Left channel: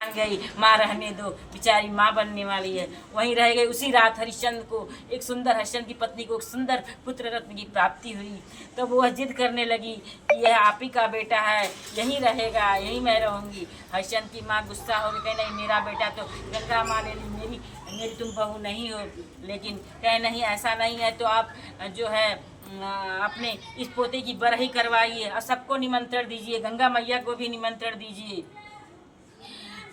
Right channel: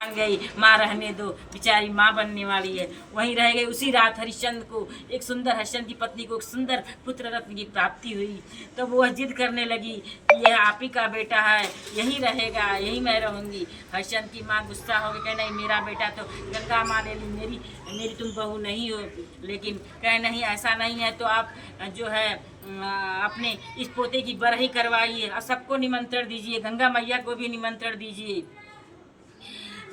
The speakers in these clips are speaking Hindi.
मान गई, माँ रहने दो, बेचारी माँ बनने वाली है। वहीं रह गई। उसी रात हरिश्चंद्र को एक सुंदर, हरिश्चंद्र की पत्नी को एक सुंदर पुत्र रत्न की प्राप्ति हुई। तो वो जिद करने लगी कि यह आप ही का बेटा है, यहीं रहेगा, यहीं मैं रहूंगी। हरिश्चंद्र की माँ गुस्सा हो गई, कहे नहीं, मेरा बेटा तो गंगा माँ ले ली, मेरी मेरी तुम बहू नहीं हो। लेकिन कहे नहीं, ऐसा नहीं है तो आप जो है अपने इस पोते की बरही करवाइए और सबको निमंत्रण दीजिए, गंगा मैया को भी निमंत्रण दीजिए।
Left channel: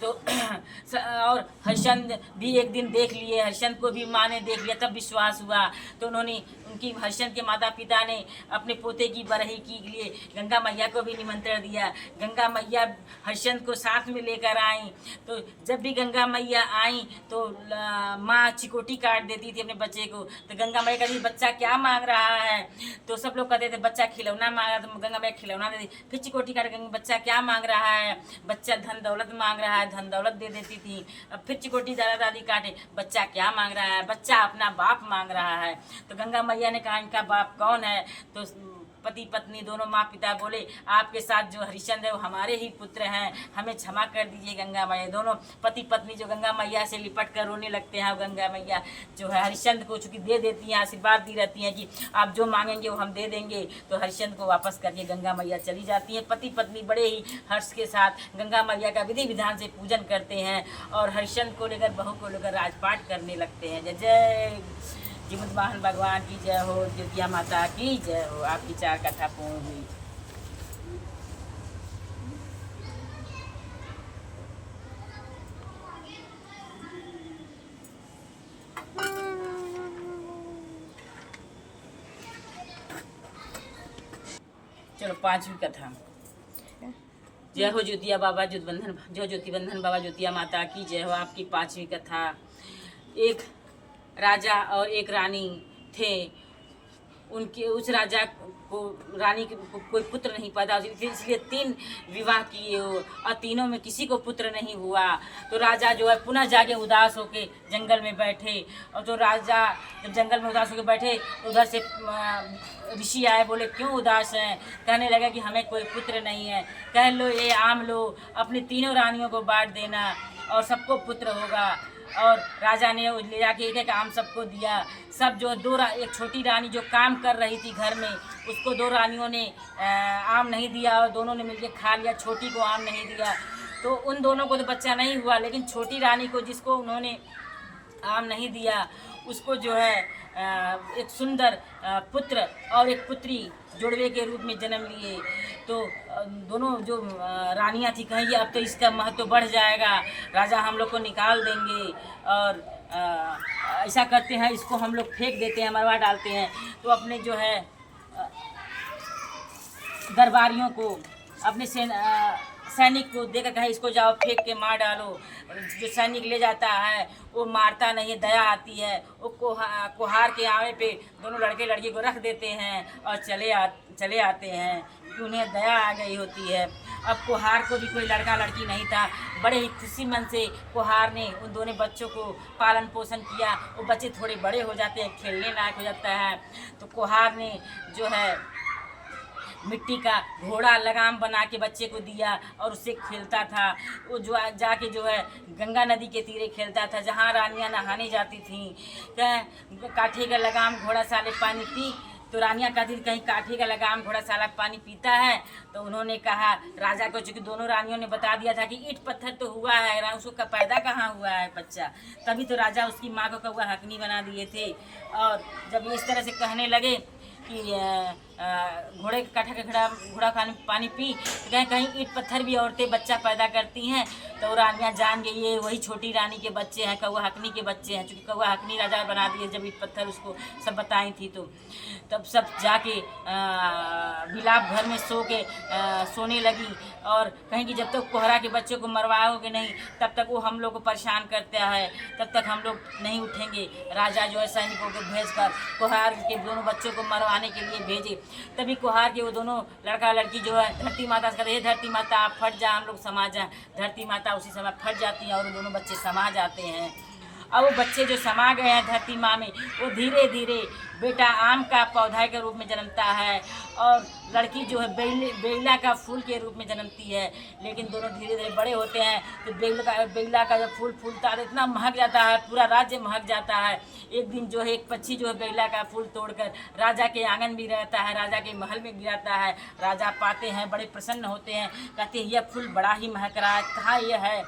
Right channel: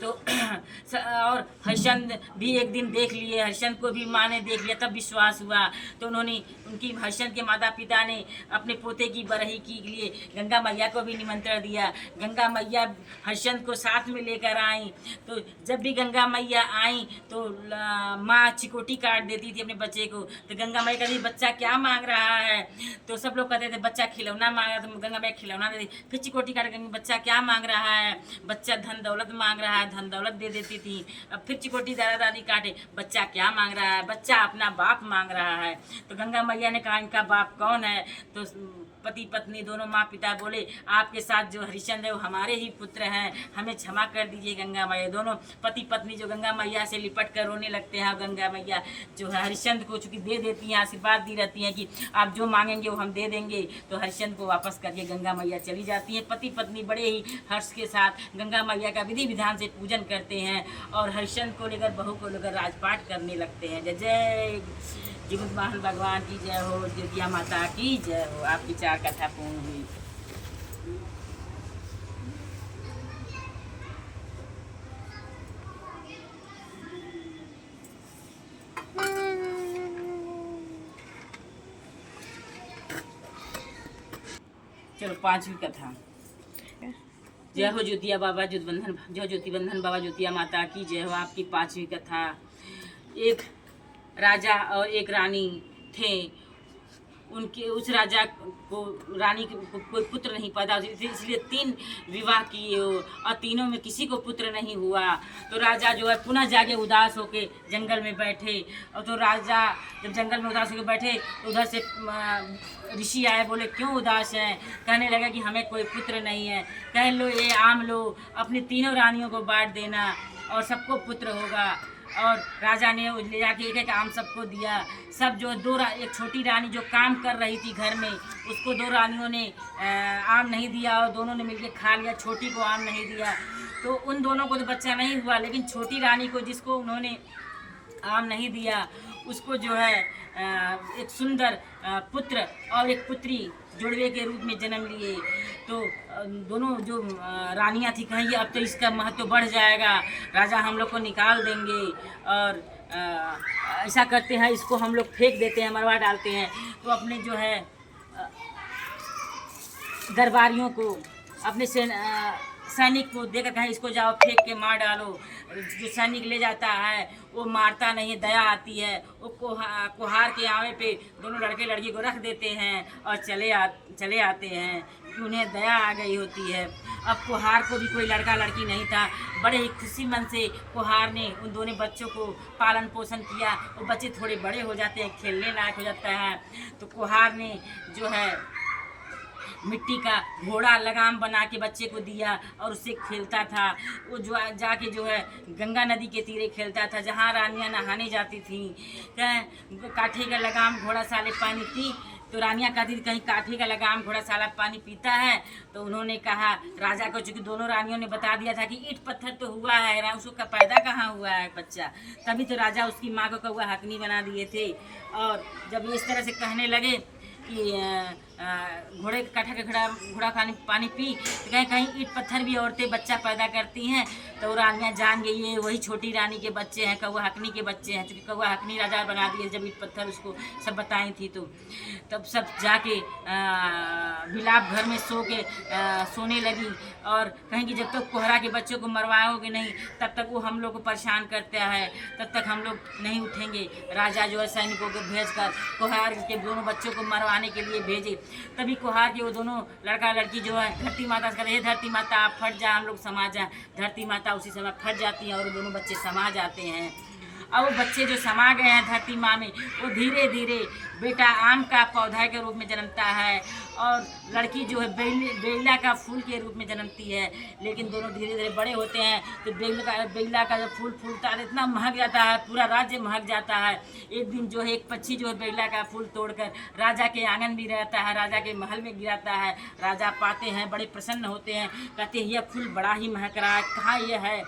तो और हरिश्चंद्र भी एक दिन देख लिए, हरिश्चंद्र को भी माँ ने देख लिया, तब विश्वास हुआ। तो उन्होंने उनकी हरिश्चंद्र के माता पिता ने अपने पोते की बरही के लिए गंगा मैया को भी निमंत्रण दिया। गंगा मैया हरिश्चंद्र को साथ में लेकर आई। तो जब भी गंगा मैया आई तो माँ चिकोटी काट देती थी अपने बच्चे को। तो गंगा मैया कहती, बच्चा क्या मांग रहा है? तो सब लोग कहते थे बच्चा खिलौना मांग रहा। तो गंगा मैया खिलौना दे दी। फिर चिकोटी काट के बच्चा क्या मांग रहा है? बच्चा धन दौलत मांग रहा है, धन दौलत दे देती थी। अब फिर चिकोटी दादा दादी काटे, बच्चा क्या मांग रहा है? बच्चा अपना बाप मांग रहा है। तो गंगा मैया ने कहा, इनका बाप कौन है? तो पति पत्नी दोनों माँ पिता बोले, आपके साथ जो हरिश्चंद्र है वो हमारे ही पुत्र हैं, हमें क्षमा कर दीजिए गंगा मैया। दोनों पति पत्नी जो गंगा मैया से लिपट कर रोने लगते हैं। और गंगा मैया जो है हरिश्चंद्र को चूंकि दे देती हैं, आशीर्वाद दी रहती हैं कि आप जो मांगेंगे वो हम दे देंगे। तो हरिश्चंद्र को वापस करके गंगा मैया चली जाती हैं। पति पत्नी बड़े ही हर्ष के साथ गंगा मैया का विधि विधान से पूजन करते हैं और हरिश्चंद्र को लेकर, बहू को लेकर राजपाट करने लगते हैं। जय जय जीवंत वाहन भगवान की जय हो, दुर्गा माता की जय हो। आपकी 4 कथा पूर्ण हुई। चलो 5वीं कथा। जय हो ज्योतिया बाबा ज्योतिबंधन, जो ज्योतिबंधन बाबा ज्योतिया माता की जय हो। आपकी 5वीं कथा। एक राजा और एक रानी थे। उनके उस राजा को, रानी को कोई पुत्र नहीं पैदा, इसलिए 3 विवाह किए और तीनों में किसी को पुत्र नहीं हुआ। तो राजा जो है पुनः जाके उदास होके जंगल में बैठे। और तो राजा जब जंगल में उदास होके बैठे, उधर से ऋषि आए, बोले क्यों उदास हैं? कहने लगा कि हमें कोई पुत्र नहीं है। कह लो ये आम लो, अपनी तीनों रानियों को बांट देना और सबको पुत्र होगा। और राजा ने ले जाके एक एक आम सबको दिया। सब जो एक छोटी रानी जो काम कर रही थी घर में, उसको 2 रानियों ने आम नहीं दिया और दोनों ने मिलके खा लिया। छोटी को आम नहीं दिया। तो उन दोनों को तो बच्चा नहीं हुआ, लेकिन छोटी रानी को, जिसको उन्होंने आम नहीं दिया, उसको जो है एक सुंदर पुत्र और एक पुत्री जुड़वे के रूप में जन्म लिए। तो दोनों जो रानियां थी, कहेंगी अब तो इसका महत्व बढ़ जाएगा, राजा हम लोग को निकाल देंगे और ऐसा करते हैं, इसको हम लोग फेंक देते हैं, मरवा डालते हैं। तो अपने जो है दरबारियों को, अपने सैनिक को देकर कहे इसको जाओ फेंक के मार डालो। जो सैनिक ले जाता है वो मारता नहीं है, दया आती है। वो कोहार के आवे पे दोनों लड़के लड़की को रख देते हैं और चले आते हैं, क्योंकि उन्हें दया आ गई होती है। अब कोहार को भी कोई लड़का लड़की नहीं था। बड़े ही खुशी मन से कोहार ने उन दोनों बच्चों को पालन पोषण किया। वो बच्चे थोड़े बड़े हो जाते हैं, खेलने लायक हो जाता है। तो कोहार ने जो है मिट्टी का घोड़ा लगाम बना के बच्चे को दिया और उससे खेलता था। वो जो जाके जो है गंगा नदी के तीरे खेलता था, जहाँ रानियां नहाने जाती थीं। काठे का लगाम घोड़ा साले पानी पी। तो रानियां कहती थी कहीं काठे का लगाम घोड़ा साला पानी पीता है। तो उन्होंने कहा राजा को, चूँकि दोनों रानियों ने बता दिया था कि ईंट पत्थर तो हुआ है, उसको पैदा कहाँ हुआ है बच्चा, तभी तो राजा उसकी माँ को कौआ हकनी बना दिए थे। और जब इस तरह से कहने लगे कि घोड़े काठा का घोड़ा पानी पी, तो कहीं कहीं ईंट पत्थर भी औरतें बच्चा पैदा करती हैं। तो रानियां जान गई ये वही छोटी रानी के बच्चे हैं, कौआ हकनी के बच्चे हैं। चूँकि कौआ हकनी राजा बना दिए जब ईंट पत्थर उसको सब बताई थी। तो तब सब जाके बिलाप घर में सोने लगी और कहेंगी जब तक कोहरा के बच्चे को मरवाओगे नहीं तब तक वो हम लोग को परेशान करता है, तब तक हम लोग नहीं उठेंगे। राजा जो है सैनिकों को भेजकर कोहार के दोनों बच्चों को मरवाने के लिए भेजे। तभी कोहार के वो दोनों लड़का लड़की जो है धरती माता से कहते हे धरती माता आप फट जा, हम लोग समा जाए। धरती माता उसी समय फट जाती है और वो दोनों बच्चे समा जाते हैं। और वो बच्चे जो समा गए हैं धरती माँ में, वो धीरे धीरे बेटा आम का पौधा के रूप में जन्मता है और लड़की जो है बेला का फूल के रूप में जन्मती है। लेकिन दोनों धीरे धीरे बड़े होते हैं तो बेला का जब फूल फूलता है इतना महक जाता है, पूरा राज्य महक जाता है। एक दिन जो है एक पक्षी जो है बेला का फूल तोड़कर राजा के आंगन में रहता है, राजा के महल में गिराता है। राजा पाते हैं, बड़े प्रसन्न होते हैं, कहते हैं यह फूल बड़ा ही महक रहा है, कहाँ यह है।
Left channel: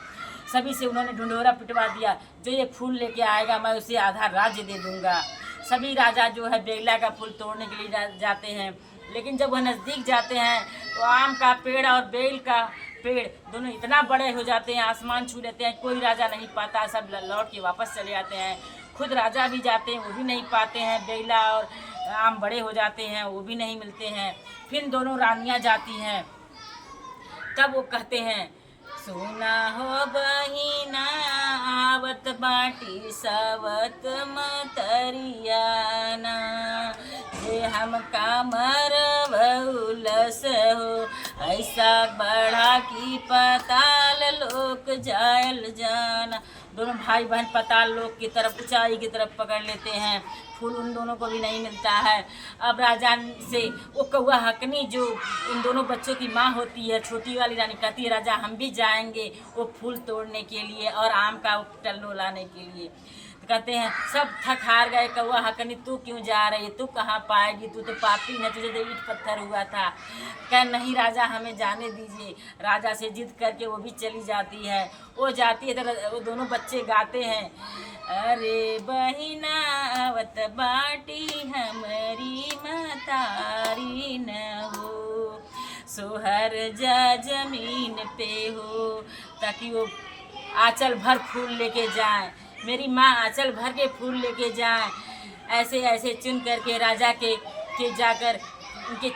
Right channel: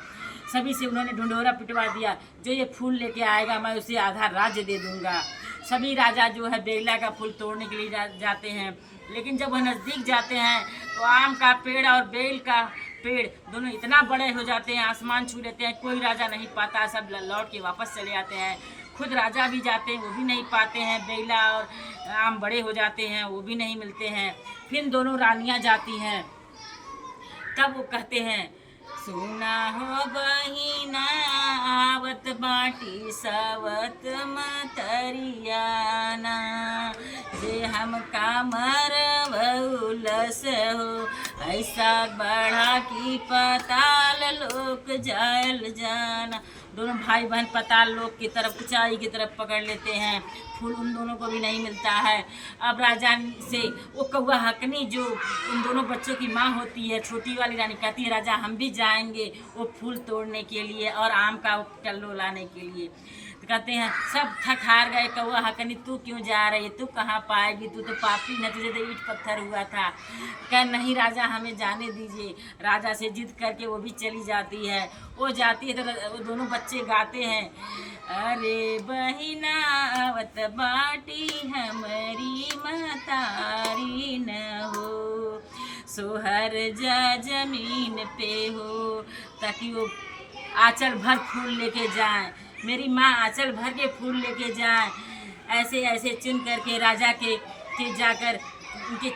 सभी से उन्होंने ढिंढोरा पिटवा दिया, जो ये फूल लेके आएगा मैं उसे आधा राज्य दे दूंगा। सभी राजा जो है बेला का फूल तोड़ने के लिए जाते हैं, लेकिन जब वह नज़दीक जाते हैं तो आम का पेड़ और बेल का पेड़ दोनों इतना बड़े हो जाते हैं, आसमान छू लेते हैं, कोई राजा नहीं पाता, सब लौट के वापस चले जाते हैं। खुद राजा भी जाते हैं, वो भी नहीं पाते हैं, बेला और आम बड़े हो जाते हैं, वो भी नहीं मिलते हैं। फिर दोनों रानियाँ जाती हैं, तब वो कहते हैं सुना हो बहिना आवत बाटी सावत मतरियाना, जे हम कामर बहुलस हो ऐसा बढ़ा की पताल लोक जायल जाना। दोनों भाई बहन पताल लोक की तरफ, ऊंचाई की तरफ पकड़ लेते हैं, फूल उन दोनों को भी नहीं मिलता है। अब राजा से वो कौआ हकनी जो उन दोनों बच्चों की माँ होती है, छोटी वाली रानी कहती है राजा हम भी जाएंगे वो फूल तोड़ने के लिए और आम का टल्लो लाने के लिए। तो कहते हैं सब थक हार गए, कौआ हकनी तू क्यों जा रही, तू कहाँ पाएगी, तू तो पापी है, तुझे तो ईट पत्थर हुआ था। कह नहीं राजा हमें जाने दीजिए। राजा से जिद करके वो भी चली जाती है। वो जाती है तो वो दोनों बच्चे गाते हैं अरे बहिना आवत बाटी हमारी मतारी न हो, सोहर जा जमीन पे हो, ताकि वो आंचल भर फूल लेके जाए, मेरी माँ आंचल भर के फूल लेके जाए। ऐसे ऐसे चुन करके राजा के जाकर उनके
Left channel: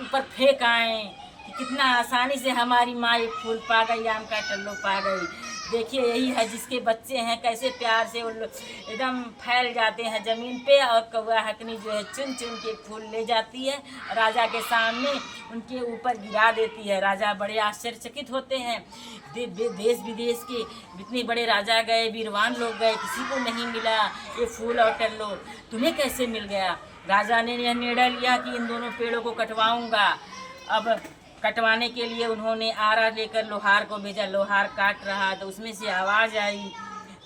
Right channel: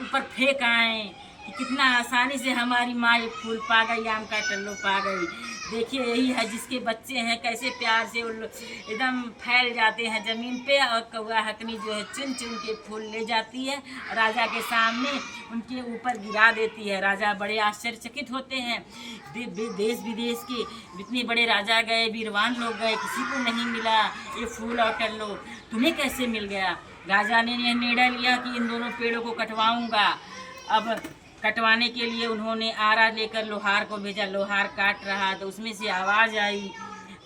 ऊपर फेंक आए कि कितना आसानी से हमारी माँ एक फूल पा गई, आम का टल्लो पा गई। देखिए यही है जिसके बच्चे हैं कैसे प्यार से वो एकदम फैल जाते हैं ज़मीन पे, और कौआ हकनी जो है चुन चुन के फूल ले जाती है, राजा के सामने उनके ऊपर गिरा देती है। राजा बड़े आश्चर्यचकित होते हैं, देश विदेश के जितने बड़े राजा गए, वीरवान लोग गए, किसी को नहीं मिला ये फूल और टल्लो, तुम्हें कैसे मिल गया। राजा ने यह निर्णय लिया कि इन दोनों पेड़ों को कटवाऊंगा। अब कटवाने के लिए उन्होंने आरा लेकर लोहार को भेजा। लोहार काट रहा तो उसमें से आवाज़ आई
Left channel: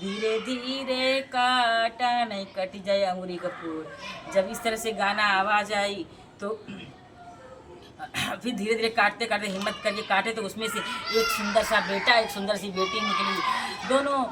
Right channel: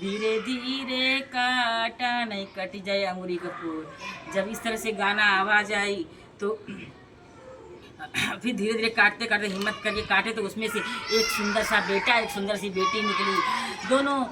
धीरे धीरे काटा नहीं कट जाए अंगुरी कपूर। जब इस तरह से गाना आवाज़ आई तो फिर धीरे धीरे काटते काटते हिम्मत करके काटे तो उसमें से एक सुंदर सा बेटा, एक सुंदर सी बेटी निकली। दोनों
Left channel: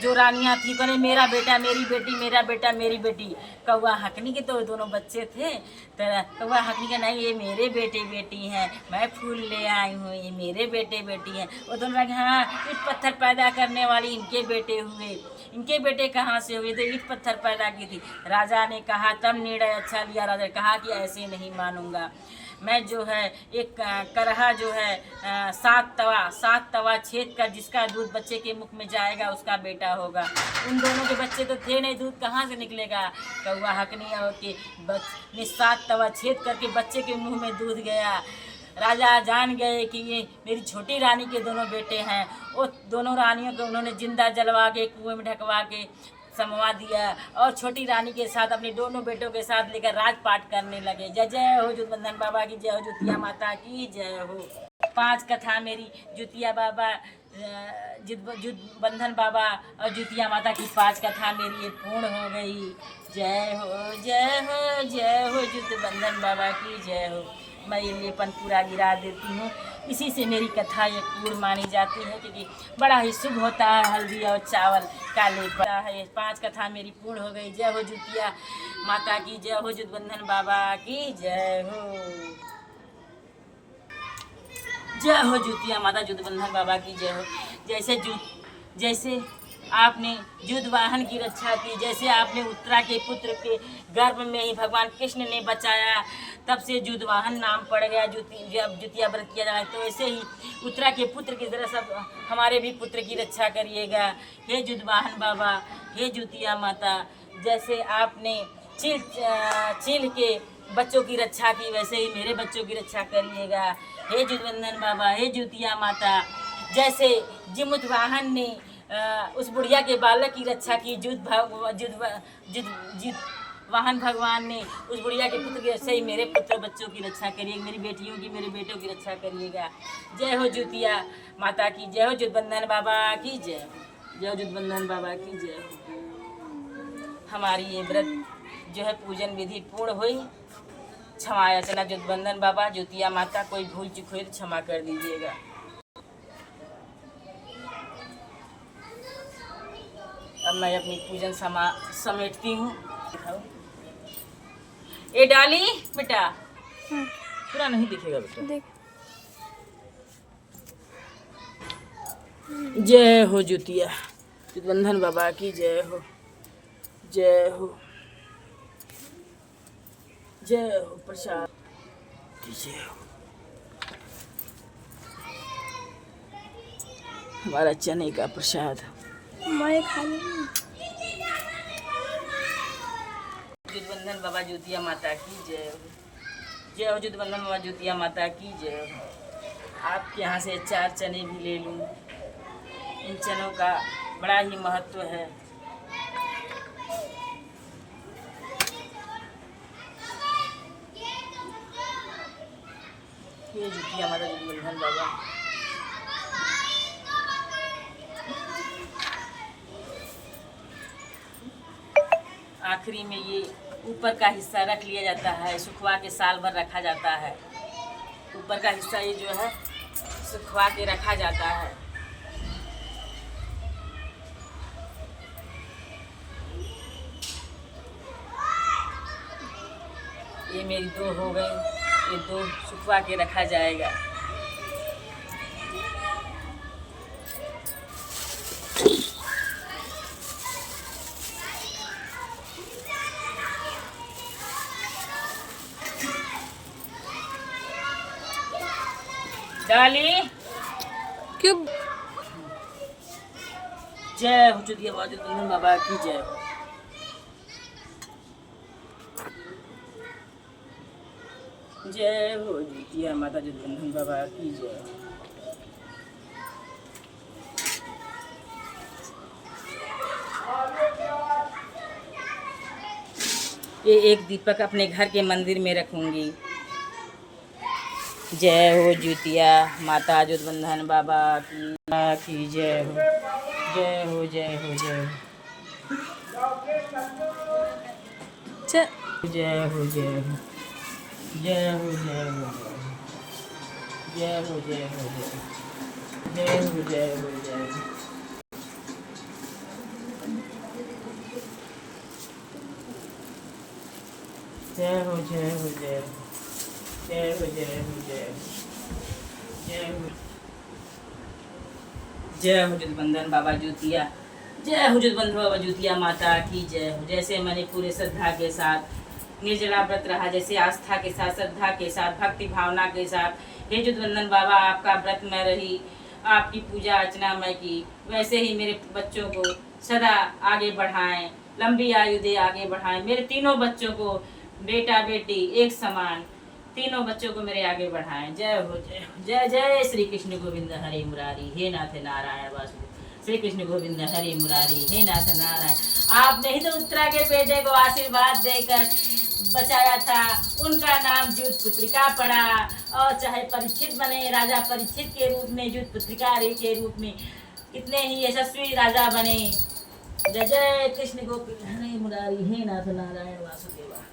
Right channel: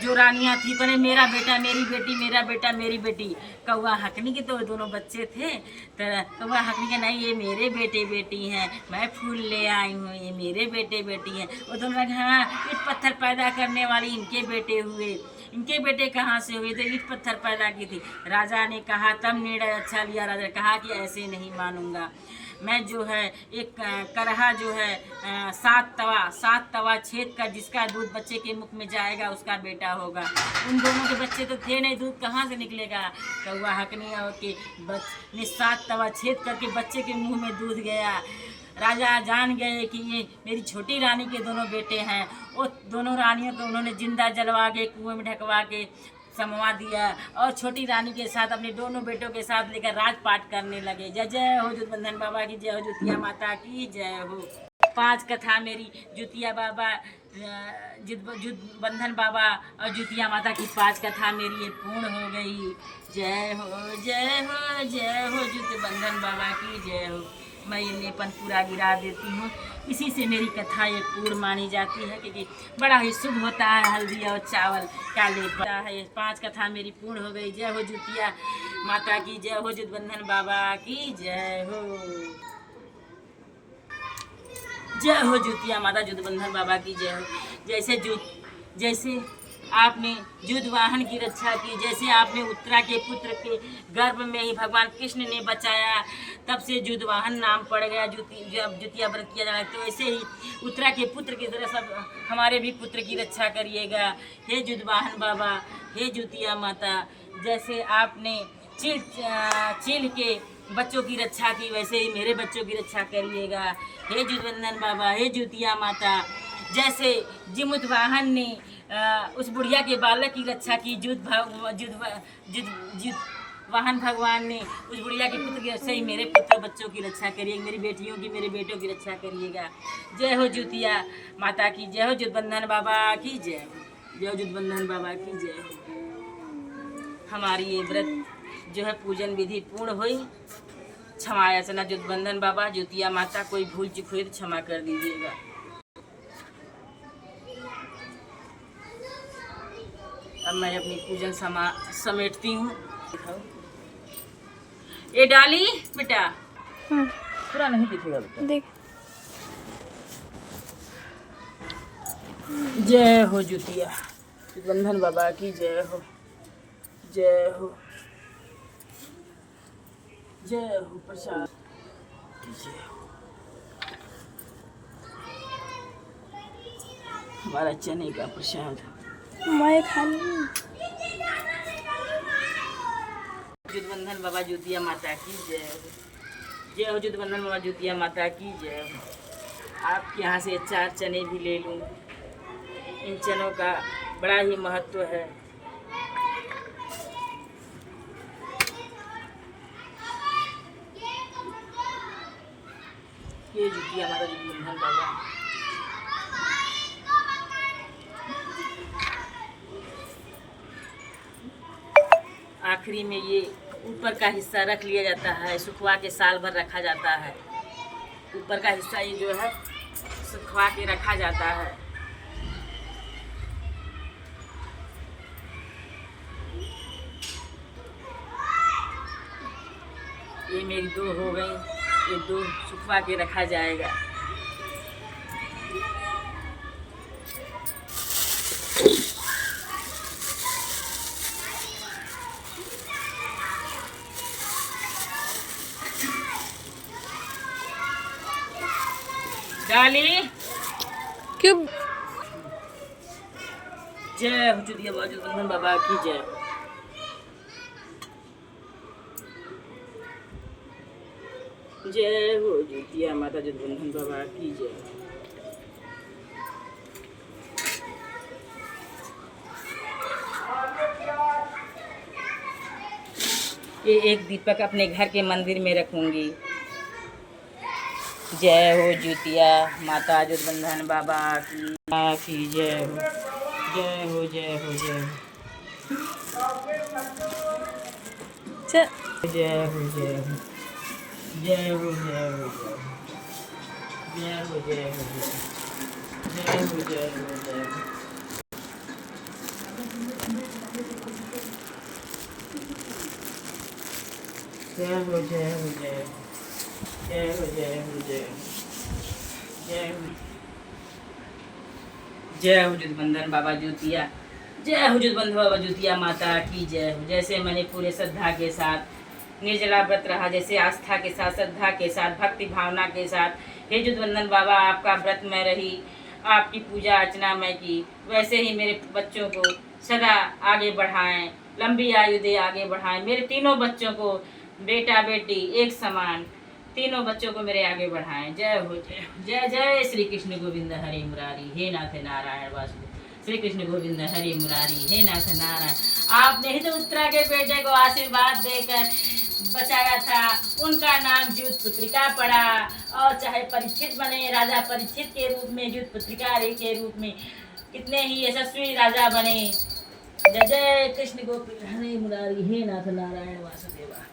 जो रानियां थी कहने मेरा बेटा मेरी बेटी, मेरा बेटा मेरी बेटी। कौआ हकनी के तो दोनों बच्चे थे, तो कौआ हकनी के नहीं ये मेरे बेटे बेटी हैं, मैं फूल ले आई हूँ, ये मेरे बेटे बेटी हैं। वो दोनों लगे हाँ ईट पत्थर पैदा करने वाली इनके बेटे हुए, इनके बेटे कहाँ से हुए, तो ईट पत्थर पैदा की थी। राजा ने कहा तब निर्णय अच्छा लिया। राजा ने कहा कि ऐसे नहीं मानूंगा, मैं जो है एक करहा जो है सात तवा छेद कर जिसका दूध बच्चे के मुख में जाएगा उसका बेटा होगा। उन दोनों के बच्चे तो थे नहीं, दूध कहाँ से निकलेगा। कौआ हकनी के ने 7 तवा छेद करके बच्चे के मुंह में दूध गया। राजा जान गए कि ये मेरी छोटी रानी के दोनों बेटे हैं। वो दोनों रानियों को उन्होंने जिंदा जलवा के कुएं में ढकवा के समवा दिया और छोटी रानी के साथ अपने दोनों बेटों के साथ लेकर राजपाट करने लगे। जय जय हो जुतबंधन बाबा की, जय हो जुतिया माता की जय हो। 5 कथा मेरी जुतिया बाबा, जुतबंधन बाबा और जुतिया माता की 5 कथा मेरी ये पूर्ण हो गई। जय हो जय हो जय हो जुतबंधन बाबा की जय हो। मैं ये लेपन पूरा गिरा देती हूँ, इसी से मेरी कथा ये पूर्ण मानी जाती है क्योंकि बड़ा ही शुभ होता है हल्दी और चावल का लेपन है। ये 5 कथा मेरी पूर्ण हो गई। जय हो जुतिया माता की जय हो, जुतबंधन बाबा की जय हो। जय हो जुतिया माता, जुतबंधन बाबा की जय हो। जैसे आपने जुतवाहन की रक्षा की, जैसे आपने उत्तरा के पुत्र के गर्भ में ही भगवान कृष्ण ने बचाया, तब से जुतवाहन नाम पड़ गया। जब जुतिया व्रत किया जाए तो ऐसे ही उत्तरा के पुत्र की तरह सब हमारे भी पुत्र की रक्षा करिएगा। हे जुतवाहन बाबा, हे जुतिया माता, जैसे आपने चील के बच्चों की रक्षा की वैसे ही मेरे बच्चों की रक्षा करिएगा। हे जुतबंधन बाबा, हे जुतिया माता, जैसे जिमुतवाहन ने उस बुढ़िया के बालक की रक्षा की वाहन भगवान ने उस बुढ़िया के पुत्र के सही मेरे पुत्र बच्चों की रक्षा करिए, मेरी बेटियों की, मेरे बेटों की रक्षा करिएगा। जय हो ज्योतिया माता की जय हो, जुटबंधन बाबा की जय हो, जय हो जुटबंधन बाबा की जय हो। हमारी ये व्रत जो है पूजन विधि पूर्ण हुई। क्षमा याचना जुटबंधन बाबा, ज्योतिया माता, कोई भूल चूक हुई तो क्षमा कर दीजिएगा। अब मैं अपनी पूजन समेटती हूँ। ये डाली बेटा, पूरा नहीं दिखेगा बेटा। देख। जय हो ज्योतिया जुटबंधन बाबा की जय हो, जय हो, जय हो प्रसाद की जय हो। हमारा चने का प्रसाद मैं खा लूँ। जुटबंधन बाबा ज्योतिया माता की जय हो, जय हो जुटबंधन बाबा ज्योतिया माता की जय हो। आपके यहाँ से 4 चने भी ले लूँ। इन चनों का बड़ा ही महत्व है। ये ज्योतिया माता जुटबंधन बाबा। आखिरी में ये ऊपर का हिस्सा रख लिया जाता है, सुखवा के साल भर रखा जाता है। ऊपर का हिस्सा ये जो है सुखवा के रखा जाता है। ये मेरी 2 हो गई, ये 2 सुखवा के रखा जाएगा। डाली क्यों? जय हो ज्योतिया बाबा जुटबंधन बाबा की जय हो, जय हो ज्योतिया माता जुटबंधन बाबा की जय हो। ये एक दीपक अपने घर के मंदिर में रखूंगी। जय हो ज्योतिया माता जुटबंधन बाबा की जय हो, जय हो, जय हो, जय हो, चल। जय हो, जय हो, जय हो, जय हो, जय हो, जय हो, जय हो, जय हो, जय हो। जय हो, जय हो, जय हो, जय हो, जय हो, जय हो, जय हो, जय हो जुटबंधन बाबा ज्योतिया, जय हो जुटबंधन बाबा ज्योतिया माता की जय हो। जैसे मैंने पूरे श्रद्धा के साथ निर्जला व्रत रहा, जैसे आस्था के साथ, श्रद्धा के साथ, भक्ति भावना के साथ, हे जुटबंधन बाबा आपका व्रत में रही, आपकी पूजा अर्चना मैं की, वैसे ही मेरे बच्चों को सदा आगे बढ़ाएं, लंबी आयु दे आगे बढ़ाएं। मेरे तीनों बच्चों को, बेटा बेटी एक समान, तीनों बच्चों को मेरे आगे बढ़ाएं। जय हो, जय हो, जय जय श्री कृष्ण गोविंद हरे मुरारी, हे नाथ नारायण वासुदेव। श्री कृष्ण गोविंद हरे मुरारी, हे नाथ नारायण। आपने ही तो उत्तरा के बेटे को आशीर्वाद देकर बचाया था, उनका नाम ज्योत पुत्रिका पड़ा। और चाहे परीक्षित बने, राजा परीक्षित के रूप में, ज्योत पुत्रिका के रूप में कितने ही यशस्वी राजा बने। जय जय कृष्ण गोविंद हरे मुरारी, हे नाथ नारायण वासुदेवा।